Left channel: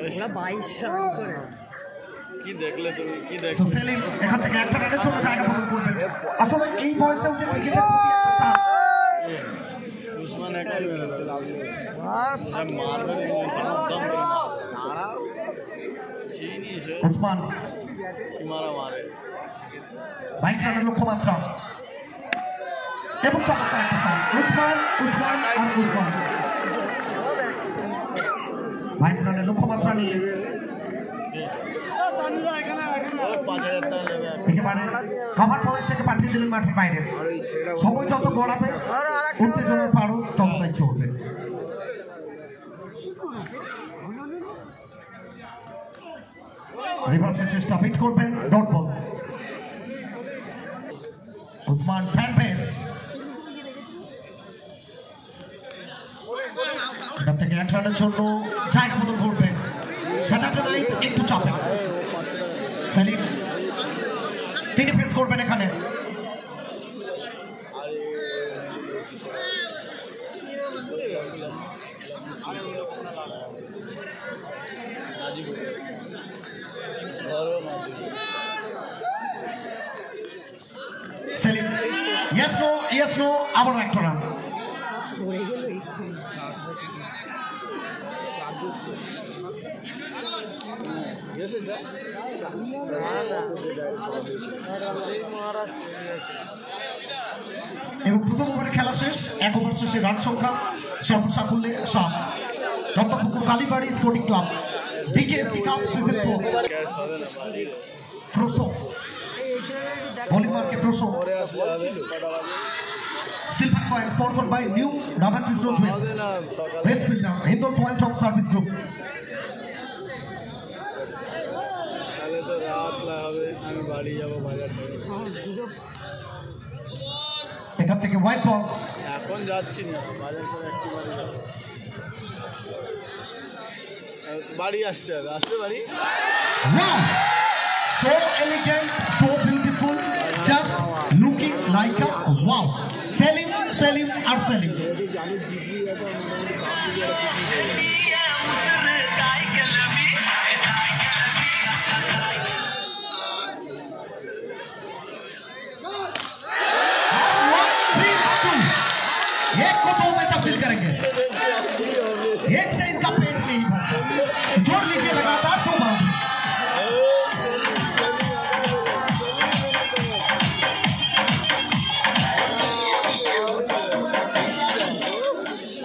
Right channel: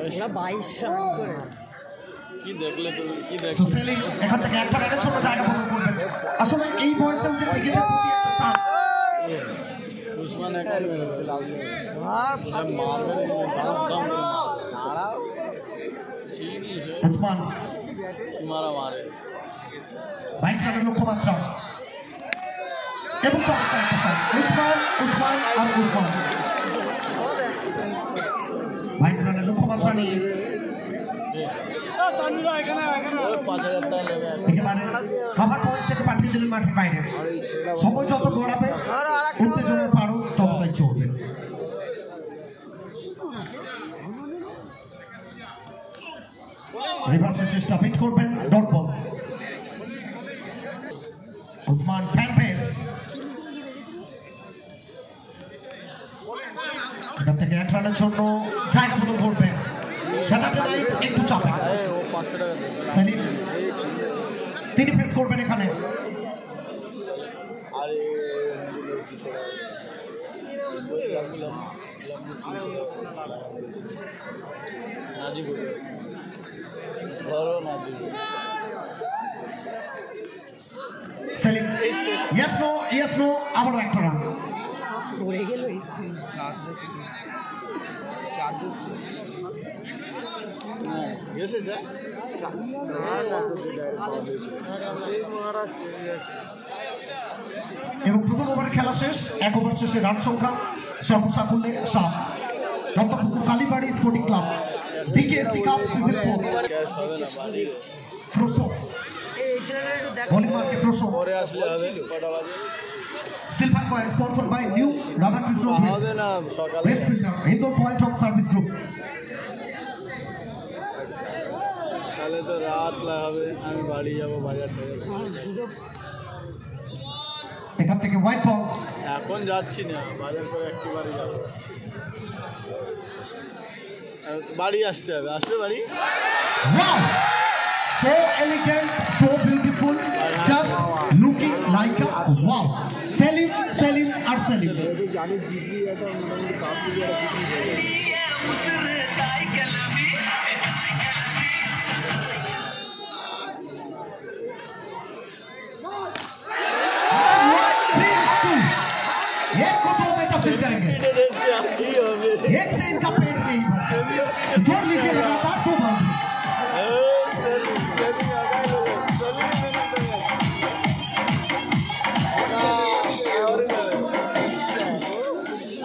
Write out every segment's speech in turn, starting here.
ওরা 22 রান করে কি দেখলে তুমি কি দেখলে সেলিম এখান থেকে একটা রানের জন্য জায়গা আসলে এই বয়সে যে ক্রিকেটের প্রতি একটা টান উসমান একটা মারবে দাম তারা চিনি সে উসমান তোমারা মারে 22 রানের লক্ষ্যমাত্রা এবং চমৎকার একটা শট উসমান আর উসমান 22 রানের লক্ষ্যমাত্রা নিয়ে একেবারে কভার পয়েন্ট থেকে পাঠিয়ে দিলেন মাঠের বাইরে সময় যত গড়াবে উত্তেজনার পারও ততটাই চলবে রিভার্সের চেষ্টা ফিট করবেন ডট বল উসমান ফ্যানবেস এটা থেকে 1 রানের জন্য জায়গা পূরণ করবেন স্যাটারডে নাইট একটু চাপে সালিম তিনি ফেস করবেন এখানে সেলিম ইয়েস নো আবারও একটা রান পড়ে গেল এবং প্রথম ওভারে খেলা শেষ 1 ওভার শেষে রান সংখ্যা সর্বসাকুল্যে 7 Dattapukur Kalibari sporting club BKSC cup season 4 প্রসো বোলিং মার্কে প্রসো silver coin sponsored by new Radhakrishna jewellers best filter হিন্দল পয়েন্ট অফ সার্ভিস গ্রুপ এখান থেকে হোয়াইট বল এখন যাচ্ছি না বাজার করে একটু বাড়ি আসতে হবে আসলে বাড়ি so elegant so beautiful just looking like a wow Selim R Selim জানি জিগরি এটা एक को 2 में तब्दील करेंगे एक से इनका पेट नहीं जोड़ लीजिए लगातार 2 बार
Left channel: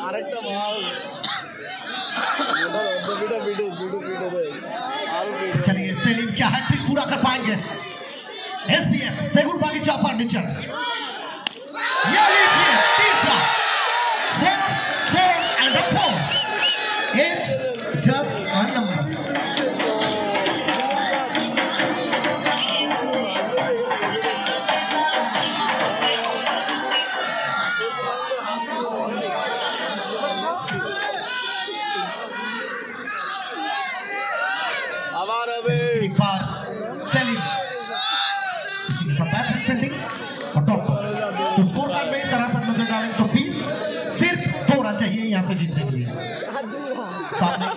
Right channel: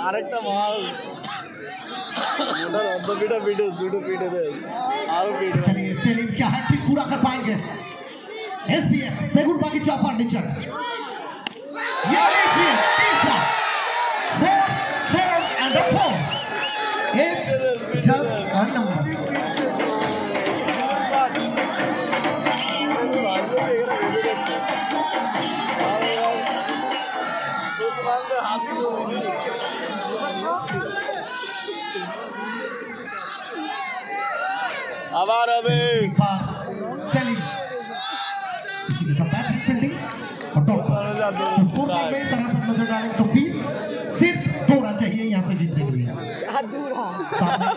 আরেকটা মাল चलिए सेलिम क्या हैट्रिक पूरा कर पाएंगे एसबीएफ सेगुन बागीचा फर्नीचर ये लीजिए तीसरा 4 and a 4 8 जब और नंबर আবার হবে बार सेलिम फील्डिंग और टॉप तो स्कोर कार्ड में सरासर नजर डालें तो 20 सिर्फ 2 रन चाहिए यहाँ से जीतने के लिए सामने